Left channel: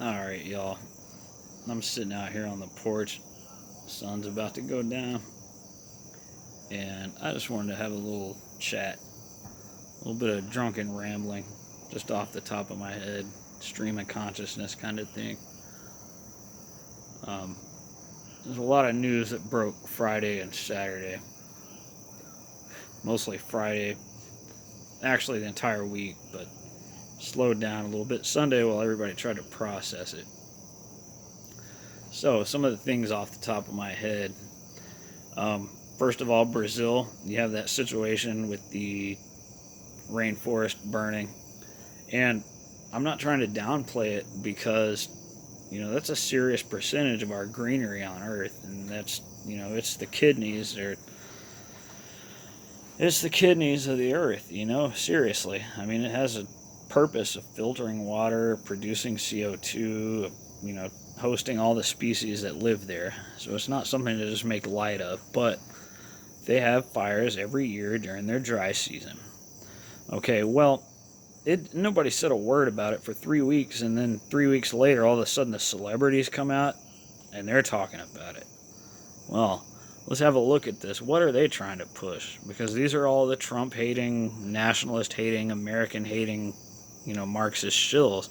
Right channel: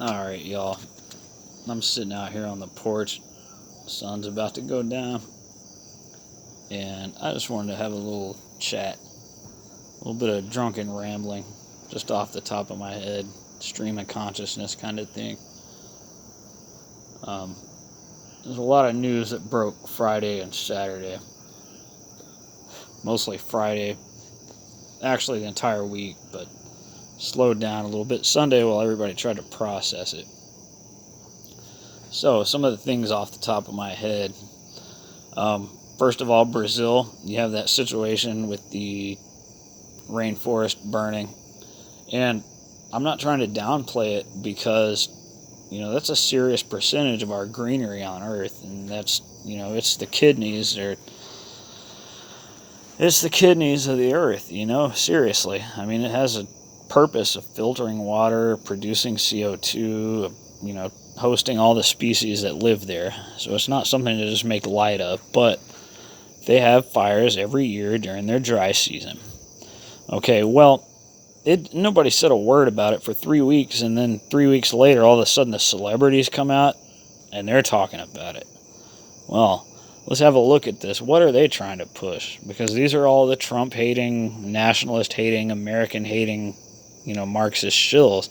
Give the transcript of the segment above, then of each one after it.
Alright, y'all. I'm sitting out here on the porch. The sun's about to go down. And I just wanted to have a little chat. A little bit of drunken rambling. Just off the top of my head. Stream of consciousness kind of thing. Um, there's a lot of news that broke Friday and Saturday. Mostly Friday. Actually, the entire week, but slowed down a little bit Sunday while everybody tried to process it. So, some of the things off the top of my head. First of all, Brazil, you have that situation with the rainforest burning. And I'm not trying to downplay it because, that's a serious percentage of our greenery on Earth. And that's, it's the kidneys it's the kidneys of the Earth, seriously. I mean, it has a purpose of filtering water, producing CO2, hosting all the species that live there. So it's not something to just make light of, but they have fires every year during their dry season. Okay, well, nobody said a word about it for 3 weeks, and then 3 weeks later, all of a sudden the celebrities come out, and they're talking about it. Well, let's have a look at this. What are they trying to push? Because these are all the Trump-hating, nationalist-hating, American-hating, Marxist shills.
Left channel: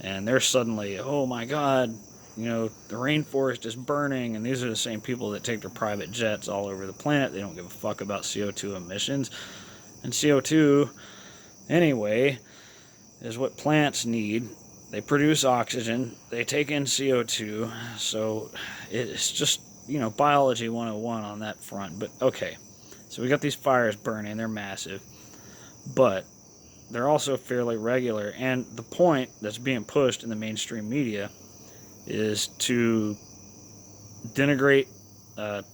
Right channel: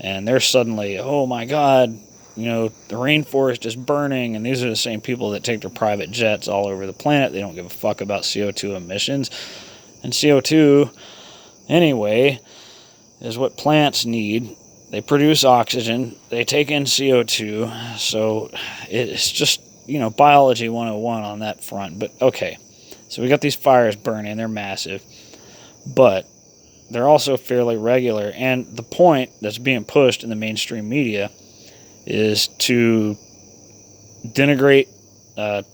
And they're suddenly, oh my God, the rainforest is burning. And these are the same people that take their private jets all over the planet. They don't give a fuck about CO2 emissions. And CO2, anyway, is what plants need. They produce oxygen. They take in CO2. So it's just, biology 101 on that front. But okay, so we got these fires burning. They're massive. But they're also fairly regular. And the point that's being pushed in the mainstream media is to denigrate, I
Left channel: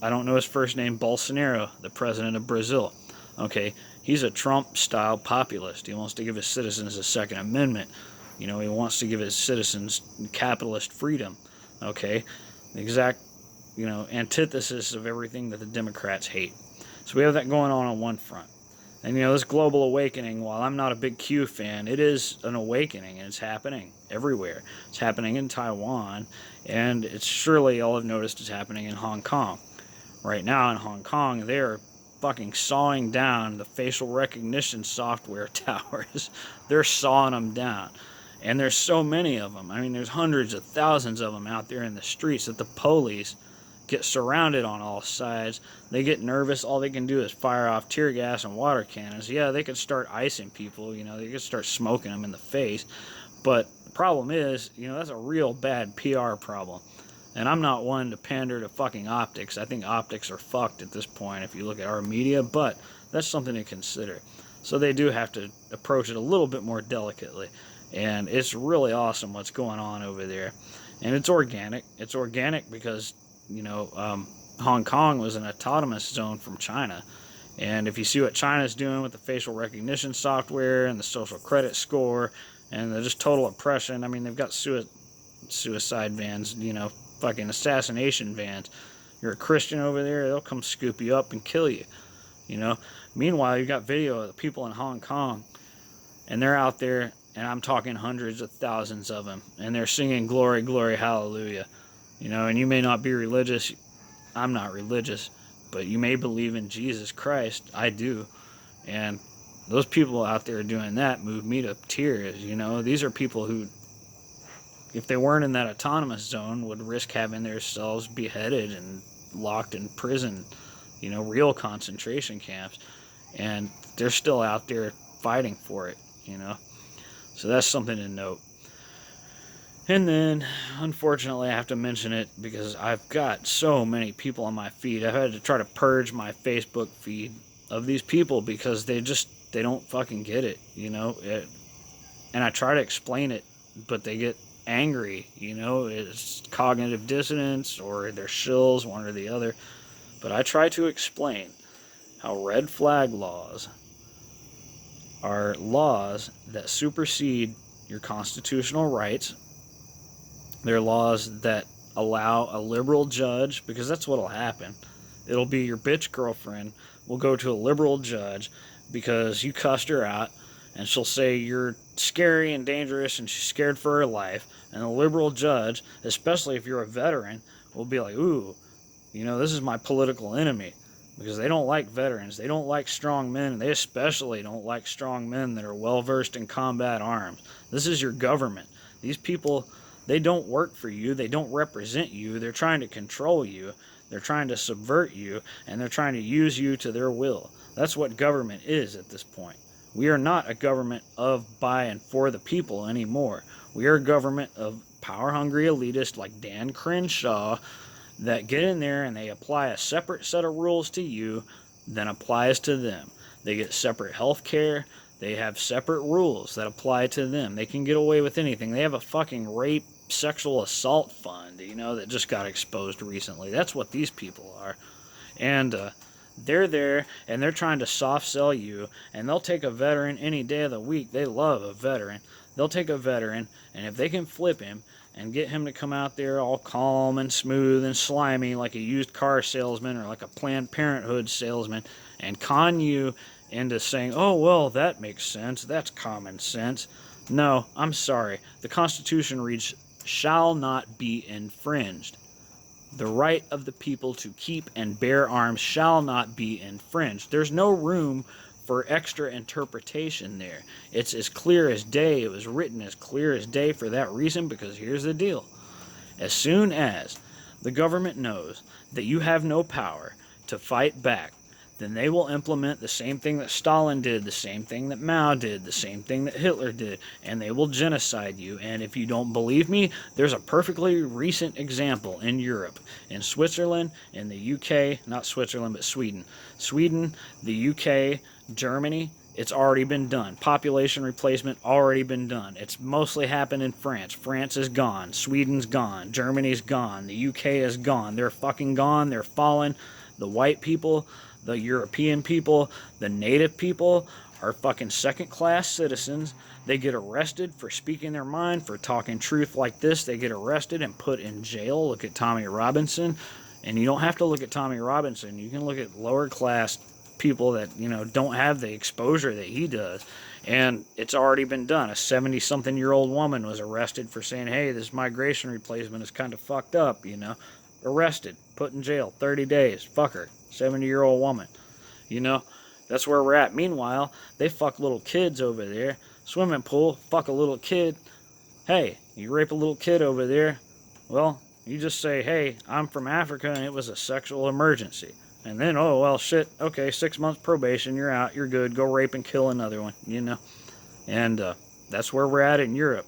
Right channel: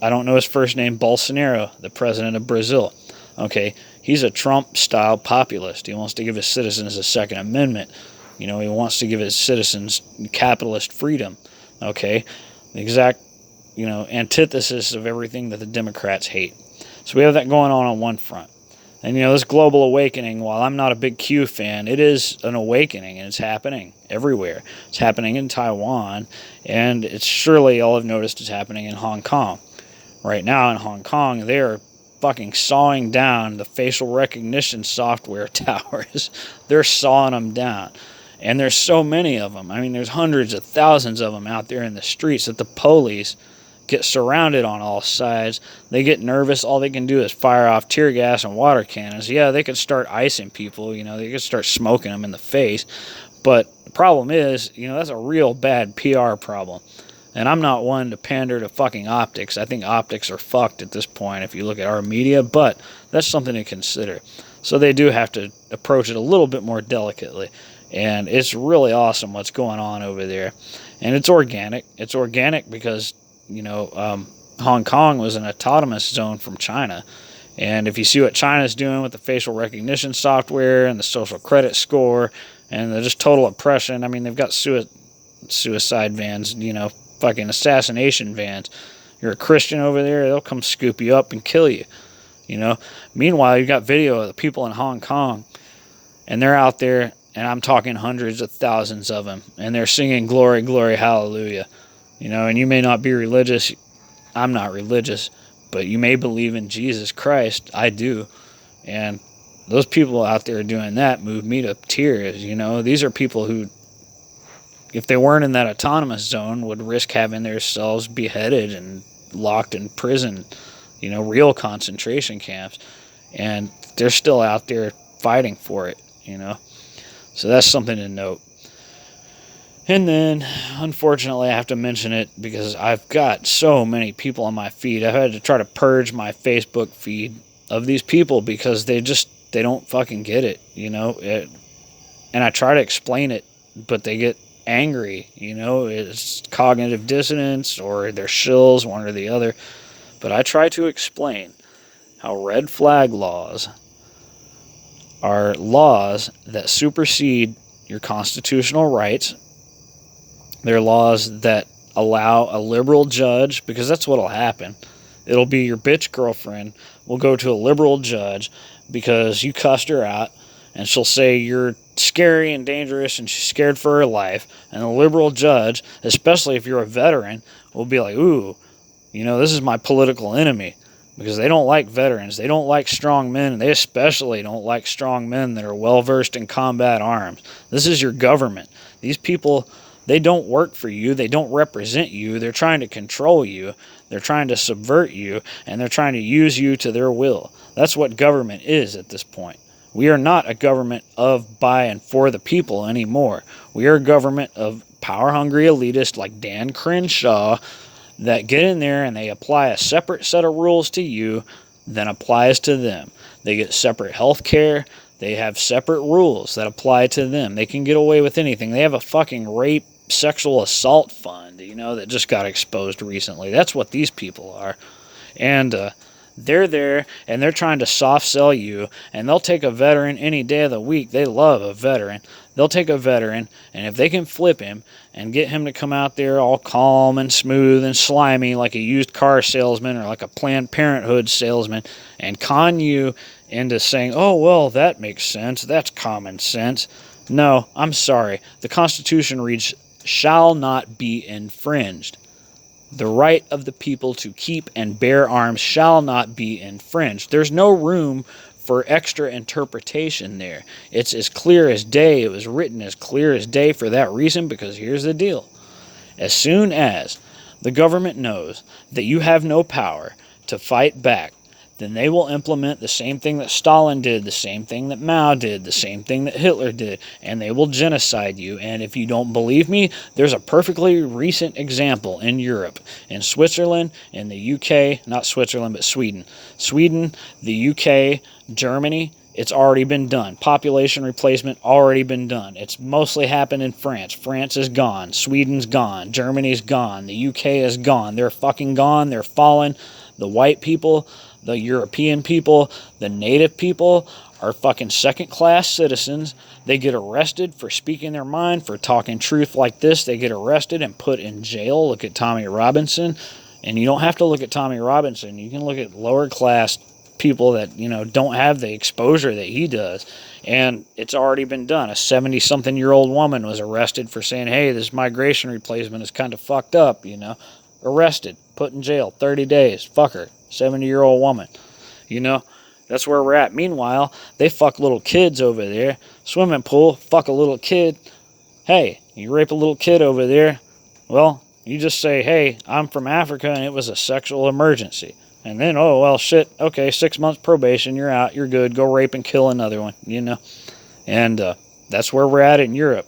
don't know his first name, Bolsonaro, the president of Brazil. Okay, he's a Trump-style populist. He wants to give his citizens a Second Amendment. He wants to give his citizens capitalist freedom. Okay, the exact, antithesis of everything that the Democrats hate. So we have that going on one front. And, this global awakening, while I'm not a big Q fan, it is an awakening, and it's happening everywhere. It's happening in Taiwan, and it's surely, all I've noticed, is happening in Hong Kong. Right now in Hong Kong, they are fucking sawing down the facial recognition software towers. They're sawing them down. And there's so many of them. I mean, there's hundreds of thousands of them out there in the streets that the police get surrounded on all sides. They get nervous. All they can do is fire off tear gas and water cannons. Yeah, they could start icing people. They could start smoking them in the face. But the problem is, that's a real bad PR problem. And I'm not one to pander to fucking optics. I think optics are fucked at this point if you look at our media. But that's something to consider. So they do have to approach it a little bit more delicately. And it's really awesome what's going on over there. And it's organic. It's organic because Hong Kong was an autonomous zone from China. And if you see what China's doing with the facial recognition software and the social credit score and the just total oppression, I mean, they've got suicide vans, fucking assassination vans. You're a Christian over there, they'll come scoop you up and kill you, Meanwhile, you've got video of the people in Hong Kong, and they're out there, and I'm talking hundreds of thousands of them, and they're singing glory, glory, hallelujah. And you may not be religious. I'm not religious. But you may believe in Jesus Christ. I do. And those people out there doing that move me to tears. These are people who, if they weren't in that autonomous zone, would risk having themselves beheaded and locked in prison, real concentration camps. And they're still out there fighting for it, So that's something to note. And then, unfortunately, I have to mention it because I've got so many people on my feed. I've had to try to purge my Facebook feed of these people because they don't fucking get it, and I try to explain it, but they get angry, it's cognitive dissonance or they're shills, one or the other. But I try to explain how red flag laws are laws that supersede your constitutional rights. They're laws that allow a liberal judge, because that's what'll happen. It'll be your bitch girlfriend will go to a liberal judge because you cussed her out and she'll say you're scary and dangerous and she's scared for her life. And the liberal judge, especially if you're a veteran, will be like, ooh, this is my political enemy. Because they don't like veterans. They don't like strong men. They especially don't like strong men that are well-versed in combat arms. This is your government. These people, they don't work for you. They don't represent you. They're trying to control you. They're trying to subvert you. And they're trying to use you to their will. That's what government is at this point. We are not a government of, by, and for the people anymore. We are a government of power-hungry elitists like Dan Crenshaw that get in there and they apply a separate set of rules to you than applies to them. They get separate health care. They have separate rules that apply to them. They can get away with anything. They have a fucking rape, sexual assault fund, that just got exposed recently. That's what these people are. And they're there, and they're trying to soft sell you, and they'll take a veteran any day of the week. They love a veteran. They'll take a veteran, and if they can flip him and get him to come out there all calm and smooth and slimy like a used car salesman or like a Planned Parenthood salesman and con you into saying, oh, well, that makes sense. That's common sense. No, I'm sorry. The Constitution reads, shall not be infringed. The right of the people to keep and bear arms shall not be infringed. There's no room for extra interpretation there. It's as clear as day. It was written as clear as day for that reason, because here's the deal. As soon as the government knows that you have no power to fight back, then they will implement the same thing that Stalin did, the same thing that Mao did, the same thing that Hitler did, and they will genocide you. And if you don't believe me, there's a perfectly recent example in Europe, in Switzerland, in the UK, not Switzerland, but Sweden. Sweden, the UK, Germany, it's already been done. Population replacement already been done. It's mostly happened in France. France is gone. Sweden's gone. Germany's gone. The UK is gone. They're fucking gone. They're fallen. The white people, the European people, the native people are fucking second-class citizens. They get arrested for speaking their mind, for talking truth like this. They get arrested and put in jail. Look at Tommy Robinson. And you don't have to look at Tommy Robinson. You can look at lower-class people that, don't have the exposure that he does. And it's already been done. A 70-something-year-old woman was arrested for saying, hey, this migration replacement is kind of fucked up, Arrested, put in jail, 30 days, fuck her, 70-year-old woman, That's where we're at. Meanwhile, they fuck little kids over there. Swimming pool, fuck a little kid. Hey, you rape a little kid over there. Well, you just say, hey, I'm from Africa and it was a sexual emergency. And then, oh, well, shit, okay, 6 months probation, you're out, you're good, go rape and kill another one, And that's where we're at in Europe.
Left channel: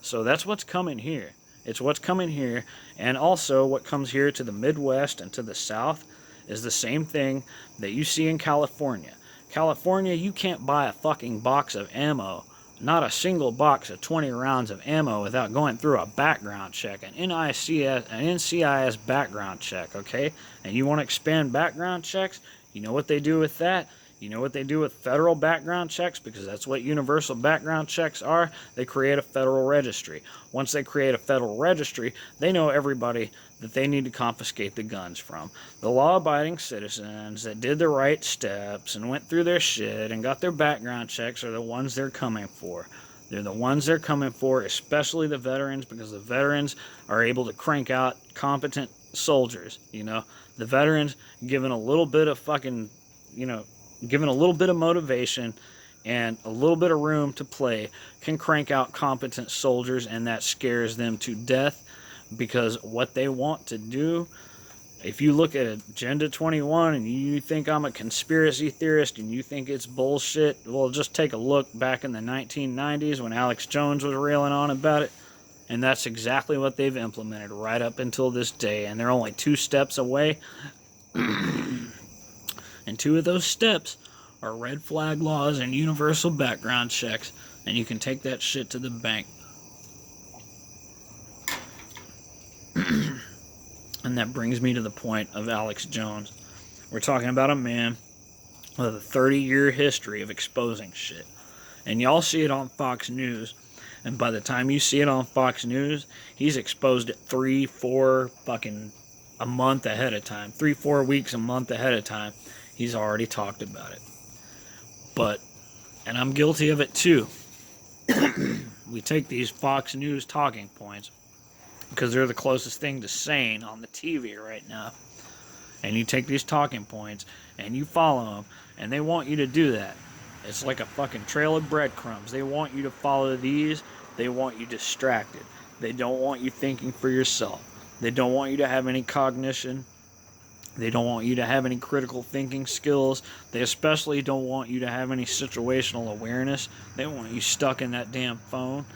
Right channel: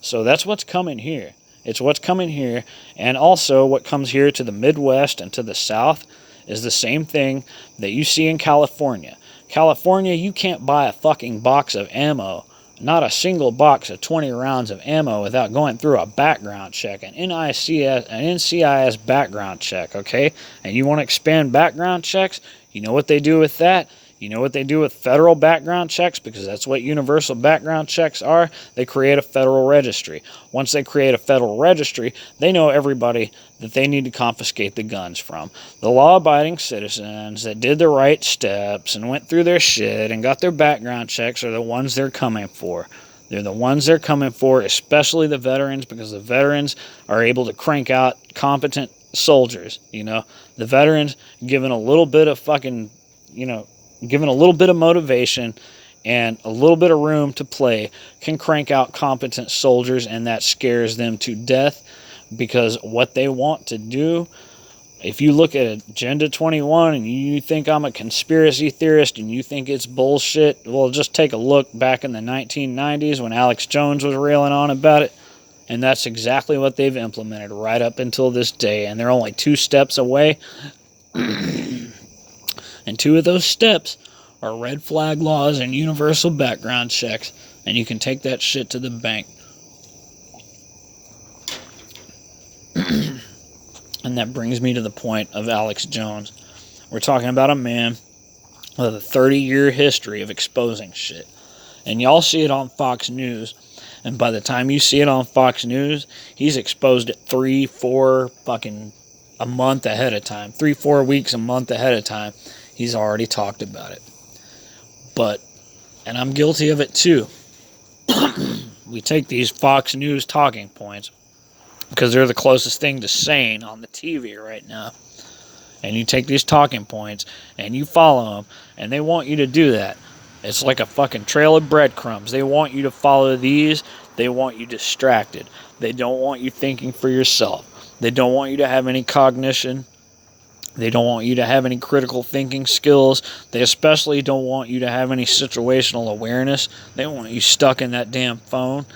So that's what's coming here. It's what's coming here, and also what comes here to the Midwest and to the South is the same thing that you see in California. California, you can't buy a fucking box of ammo, not a single box of 20 rounds of ammo without going through a background check, an NCIS background check, okay? And you want to expand background checks? You know what they do with that? You know what they do with federal background checks? Because that's what universal background checks are. They create a federal registry. Once they create a federal registry, they know everybody that they need to confiscate the guns from. The law-abiding citizens that did the right steps and went through their shit and got their background checks are the ones they're coming for. They're the ones they're coming for, especially the veterans, because the veterans are able to crank out competent soldiers, The veterans, given a little bit of fucking, given a little bit of motivation and a little bit of room to play, can crank out competent soldiers, and that scares them to death, because what they want to do, if you look at Agenda 21 and you think I'm a conspiracy theorist and you think it's bullshit, well, just take a look back in the 1990s when Alex Jones was railing on about it, and that's exactly what they've implemented right up until this day, and they're only 2 steps away. And 2 of those steps are red flag laws and universal background checks. And you can take that shit to the bank. And that brings me to the point of Alex Jones. We're talking about a man with a 30-year history of exposing shit. And y'all see it on Fox News. And by the time you see it on Fox News, he's exposed it 3-4 fucking a month ahead of time. 3-4 weeks a month ahead of time. He's already talked about it. But And I'm guilty of it too. We take these Fox News talking points because they're the closest thing to sane on the TV right now. And you take these talking points and you follow them, and they want you to do that. It's like a fucking trail of breadcrumbs. They want you to follow these. They want you distracted. They don't want you thinking for yourself. They don't want you to have any cognition. They don't want you to have any critical thinking skills. They especially don't want you to have any situational awareness. They want you stuck in that damn phone.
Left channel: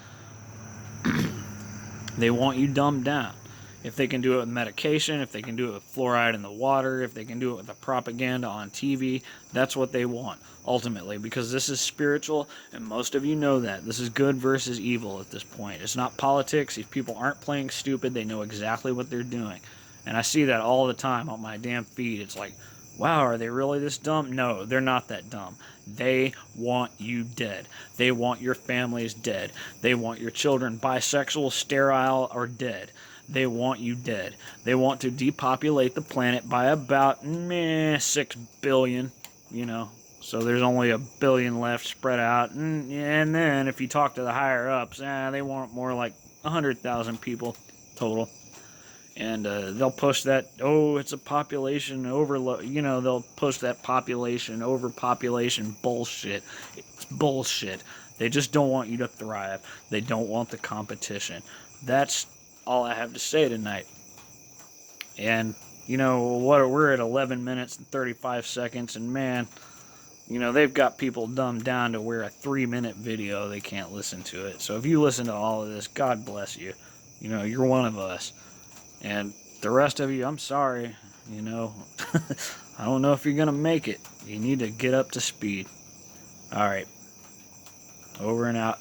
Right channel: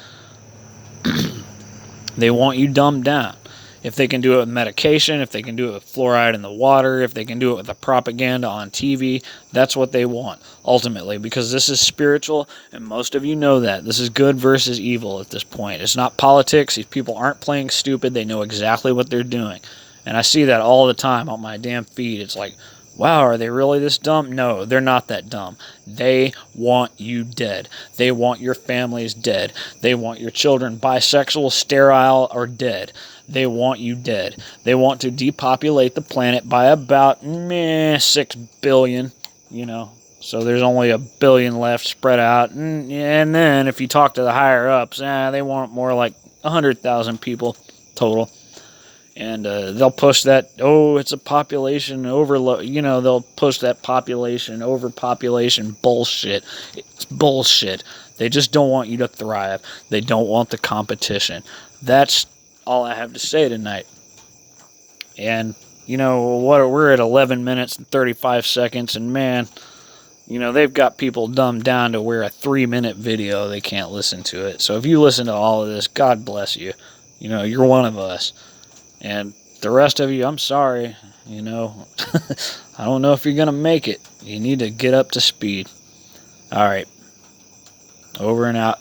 They want you dumbed down. If they can do it with medication, if they can do it with fluoride in the water, if they can do it with the propaganda on TV, that's what they want, ultimately, because this is spiritual, and most of you know that. This is good versus evil at this point. It's not politics. These people aren't playing stupid. They know exactly what they're doing. And I see that all the time on my damn feed. It's like, wow, are they really this dumb? No, they're not that dumb. They want you dead. They want your families dead. They want your children bisexual, sterile, or dead. They want you dead. They want to depopulate the planet by about 6 billion, So there's only 1 billion left spread out. And then if you talk to the higher ups, they want more like 100,000 people total. And they'll push that, it's a population overload. They'll push that population, overpopulation bullshit. It's bullshit. They just don't want you to thrive. They don't want the competition. That's all I have to say tonight. And, we're at 11 minutes and 35 seconds, and man, they've got people dumbed down to where a 3-minute video, they can't listen to it. So if you listen to all of this, God bless you. You're one of us. And the rest of you, I'm sorry, I don't know if you're going to make it. You need to get up to speed. All right. Over and out.